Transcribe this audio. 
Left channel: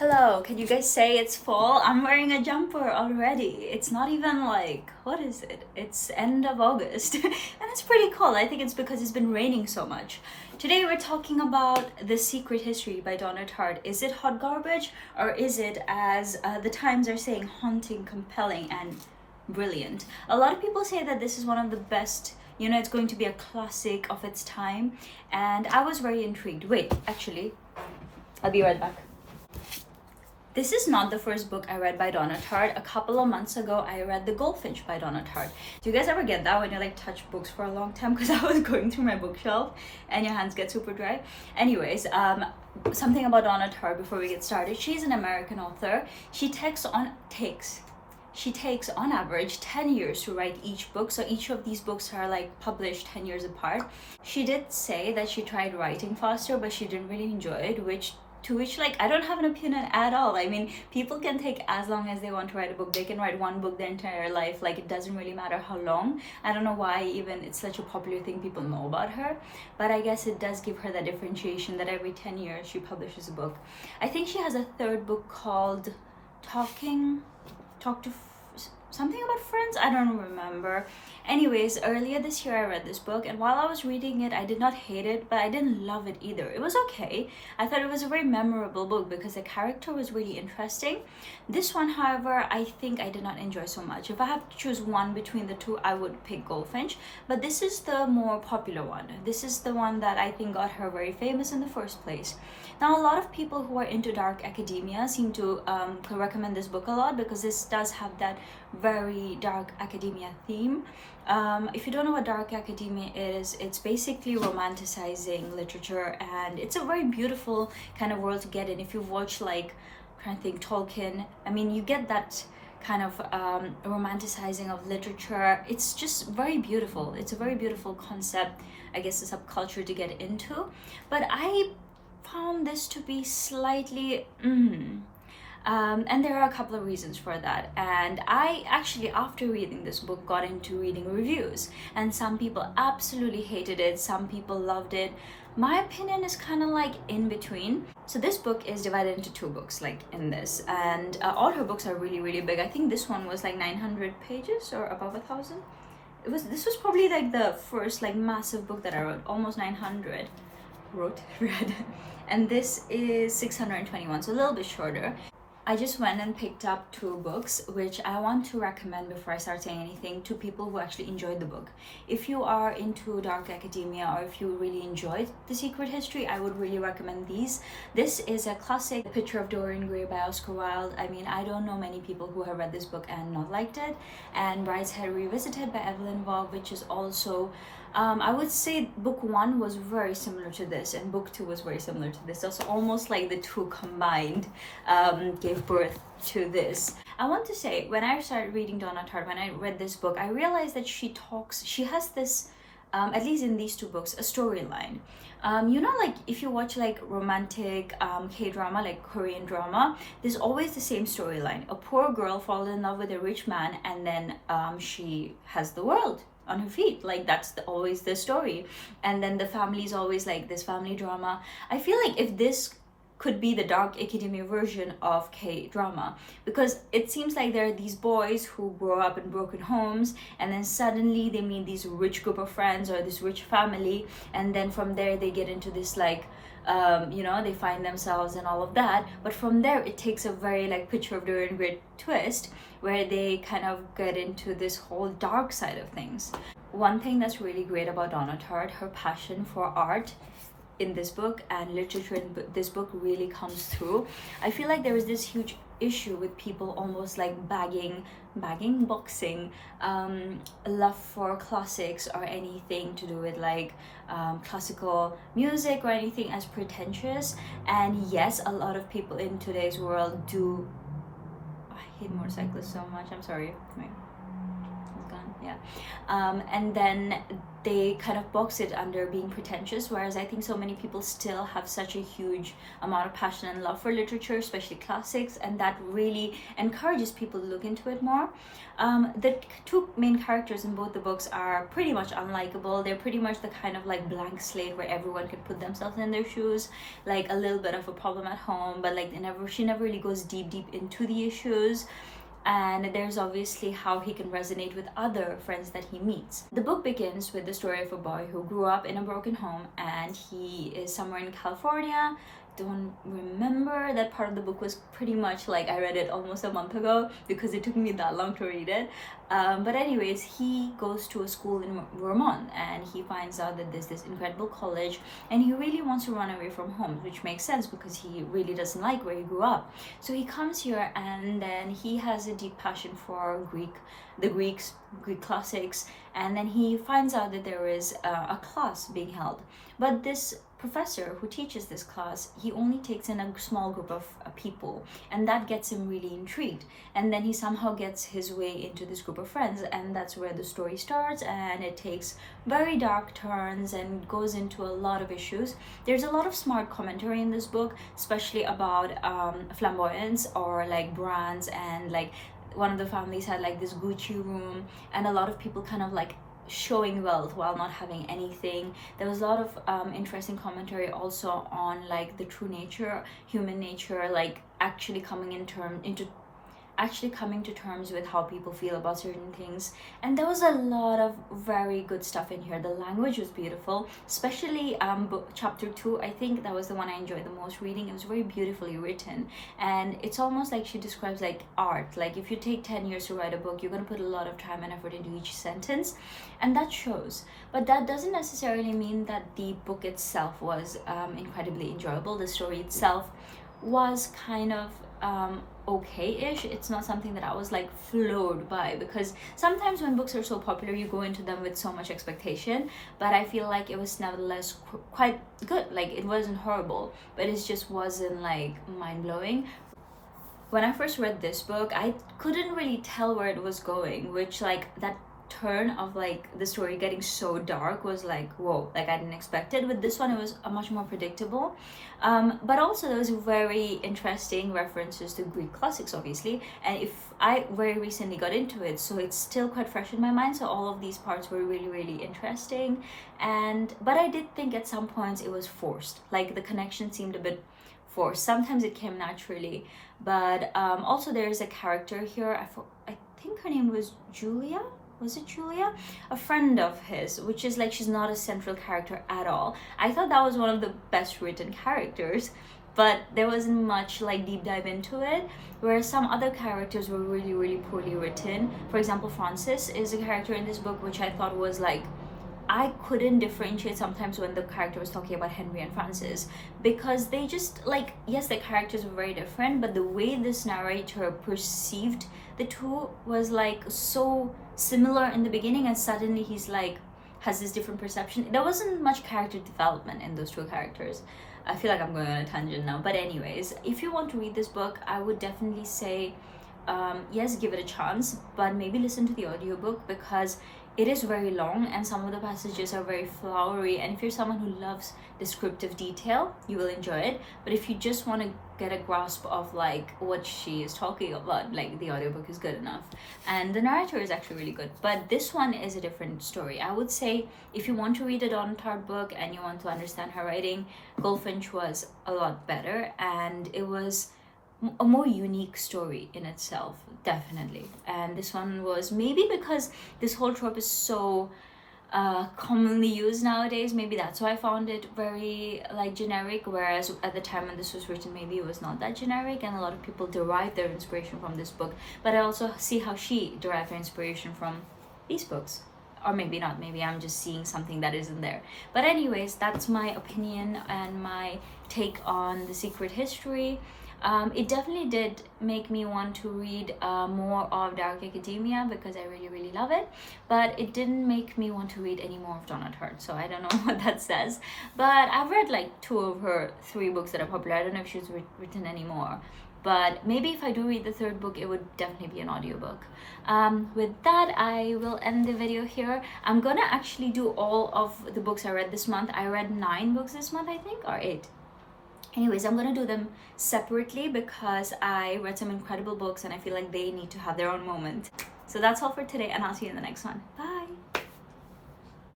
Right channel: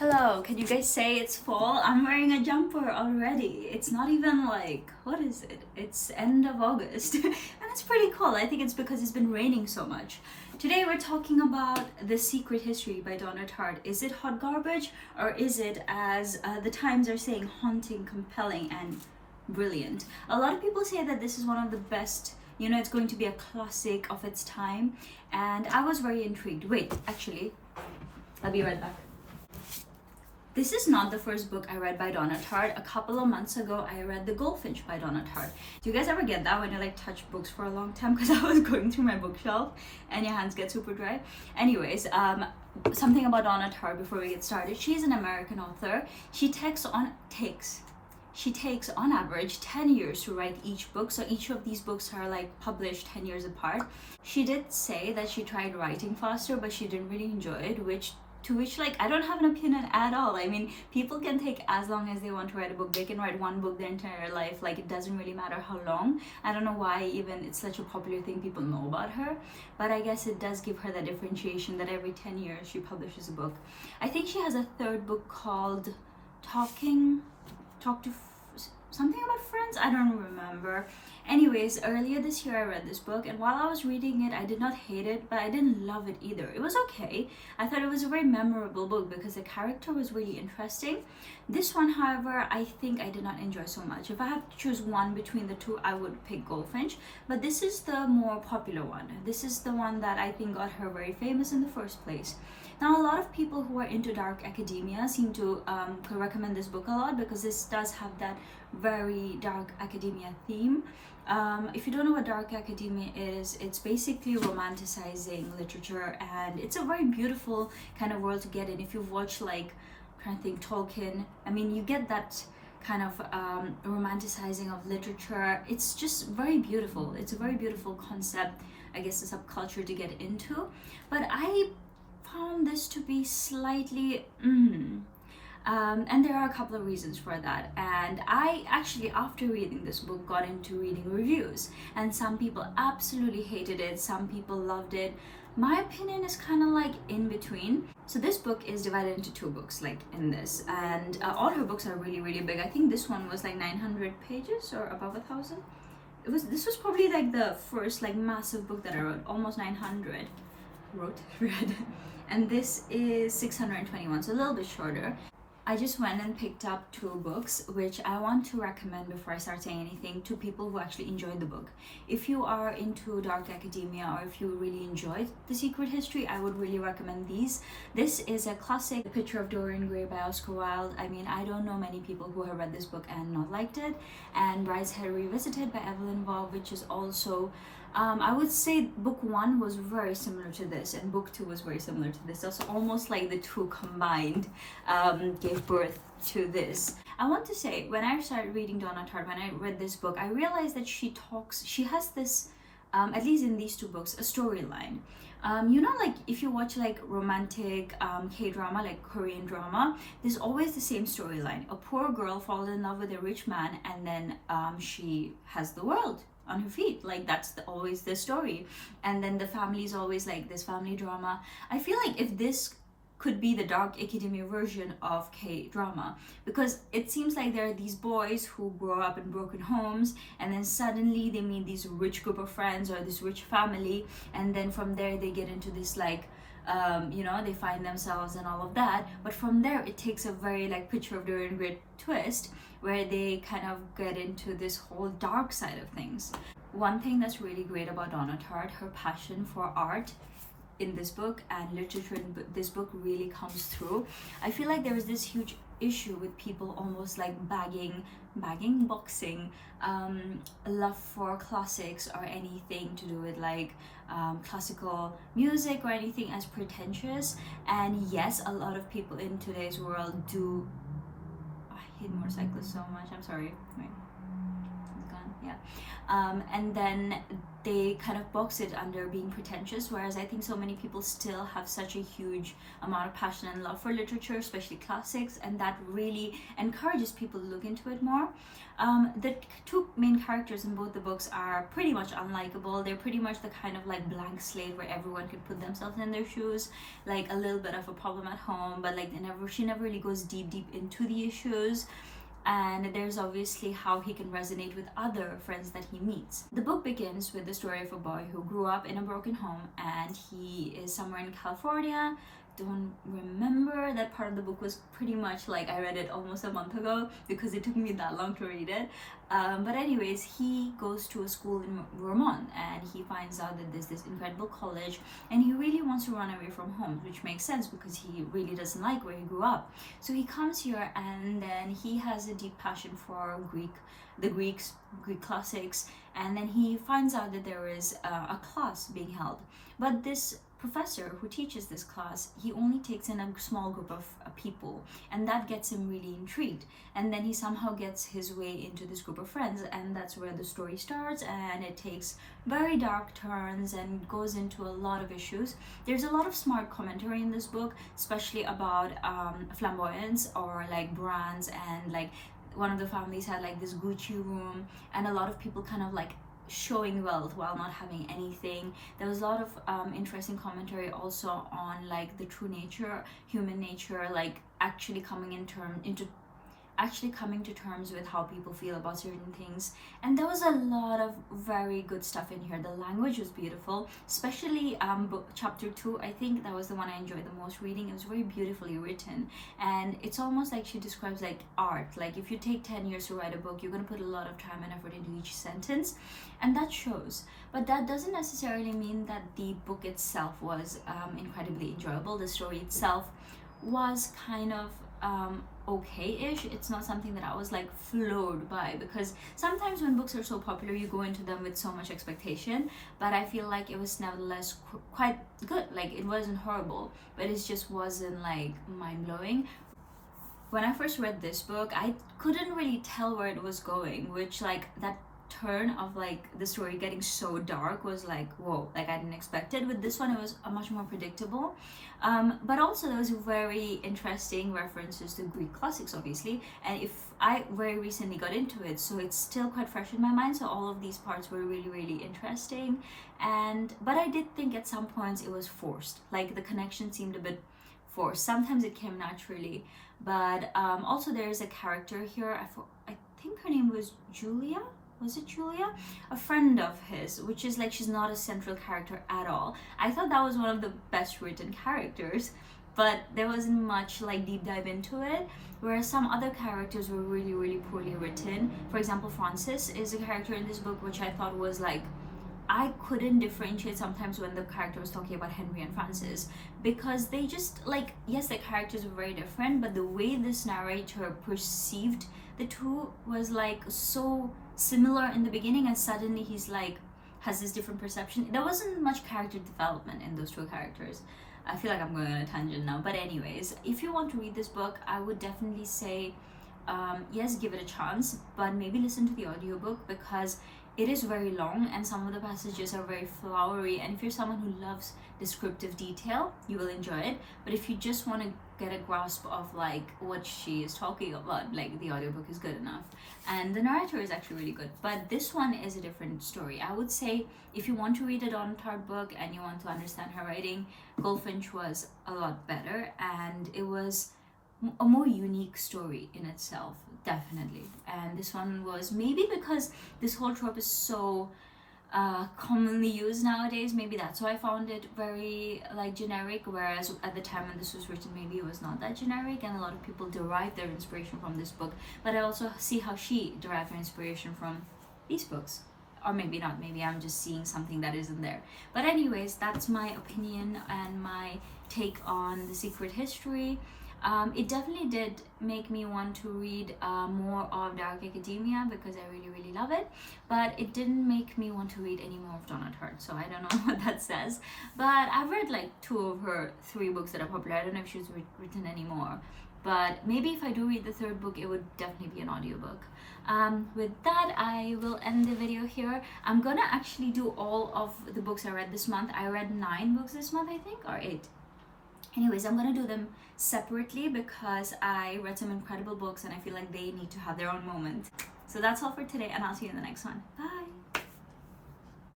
Hello, can you guys say it's fall? I'm wearing a jumper already. It's not even like, what is it? It's end of August and it's pretty cold. I think it's because it's been raining so much. Today we're talking about The Secret History by Donna Taart. Is it hot garbage or is it, as the Times are saying, haunting, compelling, and brilliant? A lot of people say that this is one of the best, it's going to be a classic of its time, and I was very intrigued. Wait, actually, I'll be right back. This is not the first book I read by Donna Tartt. A couple of months ago, I read The Goldfinch by Donna Tartt. Do you guys ever get that when you touch books for a long time? Because I was going through my bookshelf and your hands get super dry. Anyways, something about Donna Tartt before we get started. She's an American author. She takes on average 10 years to write each book, so each of these books are published 10 years apart. She did say that she tried writing faster, but she didn't really enjoy it, which I don't have an opinion at all. I mean, people can take as long as they want to write a book. They can write one book their entire life. It doesn't really matter how long. I don't know why even it's such a popular thing people know about her, but I guess it does give her that differentiation that every 10 years she publishes a book. I think she has a third book called something about friends. I don't remember. Anyways, earlier this year I read this book, and while I was reading it, I did not hate it, but I didn't love it either. It was okay. I thought it was a very memorable book because the character was really interesting. This one, however, I think I did not enjoy so much. If I have to choose one between the two, I would pick Goldfinch, but this is the more popular one. This is the one that I think got her very famous in the first place. Now, a lot of people who are into dark academia seem to recommend this book a lot because this does have that very dark academia theme. If you don't know what dark academia is, it's basically romanticizing literature, and it's a very beautiful kind of world to get in. If you've watched, trying to think, Tolkien, I mean, you get that kind of romanticizing of literature. It's just very beautiful. It's a very beautiful concept, I guess, a subculture to get into. But I found this to be slightly and there are a couple of reasons for that. And I actually, after reading this book, got into reading reviews, and some people absolutely hated it, some people loved it. My opinion is kind of in between. So this book is divided into two books in this, and all her books are really, really big. I think this one was 900 pages or above 1,000. This was probably the first massive book that I wrote, almost 900 read. And this is 621, so a little bit shorter. I just went and picked up two books, which I want to recommend before I start saying anything, to people who actually enjoyed the book. If you are into dark academia, or if you really enjoyed The Secret History, I would really recommend these. This is a classic, The Picture of Dorian Gray by Oscar Wilde. I mean, I don't know many people who have read this book and not liked it. And Brideshead Revisited by Evelyn Waugh, which is also I would say book one was very similar to this, and book two was very similar to this. Also, almost the two combined gave birth to this. I want to say, when I started reading Donna Tartt, when I read this book, I realized that she has this, at least in these two books, a storyline. If you watch romantic K-drama, Korean drama, there's always the same storyline. A poor girl falls in love with a rich man, and then she has the world on her feet. That's always the story. And then the family is always this family drama. I feel if this could be the dark academia version of K-drama, because it seems there are these boys who grow up in broken homes, and then suddenly they meet these rich group of friends or this rich family, and then from there they get into this they find themselves and all of that. But from there it takes a very Picture of Dorian Gray twist, where they kind of get into this whole dark side of things. One thing that's really great about Donna Tartt, her passion for art in this book and literature in this book really comes through. I feel there is this huge issue with people almost boxing love for classics or anything to do with classical music or anything as pretentious. And yes, a lot of people in today's world do. I hate motorcyclists so much. I'm sorry. Wait, it's gone. Yeah. And then they kind of box it under being pretentious, whereas I think so many people still have such a huge amount of passion and love for literature, especially classics, and that really encourages people to look into it more. The two main characters in both the books are pretty much unlikable. They're pretty much the kind of like blank slate where everyone can put themselves in their shoes, like a little bit of a problem at home, but like she never really goes deep into the issues. And there's obviously how he can resonate with other friends that he meets. The book begins with the story of a boy who grew up in a broken home, and he is somewhere in California. Don't remember. That part of the book was pretty much like I read it almost a month ago because it took me that long to read it. But anyways, he goes to a school in Vermont, and he finds out that there's this incredible college, and he really wants to run away from home, which makes sense because he really doesn't like where he grew up. So he comes here, and then he has a deep passion for Greek classics, and then he finds out that there is a class being held. But this professor who teaches this class, he only takes in a small group of people, and that gets him really intrigued. And then he somehow gets his way into this group of friends, and that's where the story starts, and it takes very dark turns and goes into a lot of issues. There's a lot of smart commentary in this book, especially about flamboyance or like brands, and like one of the families had like this Gucci room, and a lot of people kind of like showing wealth while not having anything. There was a lot of interesting commentary also on like the true nature, human nature, like actually coming to terms with how people feel about certain things. And there was a lot of very good stuff in here. The language was beautiful, especially chapter 2. I think that was the one I enjoyed the most reading. It was very beautifully written, and it's almost like she describes like art. Like if you take 10 years to write a book, you're going to put a lot of time and effort into each sentence, and that shows. But that doesn't necessarily mean that the book itself was incredibly enjoyable. The story itself was kind of okay-ish. It's not something that I was like floored by, because sometimes when books are so popular you go into them with so much expectation, but I feel like it was nevertheless quite good. Like it wasn't horrible, but it just wasn't like mind-blowing. When I first read this book, I couldn't really tell where it was going, which like that turn of like the story getting so dark was like, whoa, like I didn't expect it. With this one, it was a much more predictable. But also there was very interesting references to Greek classics, obviously, and if I very recently got into it, so it's still quite fresh in my mind. So all of these parts were really, really interesting. But I did think at some points it was forced. Like the connection seemed a bit forced. Sometimes it came naturally, but also there is a character here. I think her name was Julia. Was it Julia? A friend of his, which is like she's not a central character at all. I thought that was one of the best written characters, but there wasn't much like deep dive into it. Whereas some other characters were really, really poorly written. For example, Francis is a character in this book which I thought was like, I couldn't differentiate sometimes when the character was talking about Henry and Francis, because they just like, yes, the characters were very different, but the way this narrator perceived the two was like so similar in the beginning, and suddenly he's like has this different perception. There wasn't much character development in those two characters. I feel like I'm going on a tangent now, but anyways, if you want to read this book, I would definitely say yes, give it a chance, but maybe listen to the audiobook, because it is very long and some of the passages are very flowery, and if you're someone who loves descriptive detail, you will enjoy it. But if you just want to get a grasp of like what she is talking about, like the audiobook is good enough, and the narrator is actually really good. But this one is a different story. I would say if you want to read a Donna Taart book and you want to understand her writing, Goldfinch was a lot better, and it was a more unique story in itself, definitely. And this one was, maybe because this whole trope is so commonly used nowadays, maybe that's why I found it very like generic, whereas at the time when this was written, maybe it was not that generic, and a lot of people derive their inspiration from this book. But I also see how she derived her inspiration from these books, or maybe not, maybe I'm just seeing something that isn't there. But anyways, that's my opinion and my take on The Secret History. It definitely did make me want to read more of Dark Academia, because I really, really love it. But it didn't make me want to read any more of Donna Tartt, so I don't know what that says. But I've read like 2 of her 3 books that are popular. I don't know if she's written any more. But maybe if I do read the third book, it would definitely be an audiobook. With that, I will end the video here. I'm gonna actually do all of the books I read this month. I read 9 books this month, I think, or 8. Anyways, I'm gonna do them separately because I read some incredible books and I feel like they need to have their own moment. So that's all for today, and I'll see you in the next one. Bye!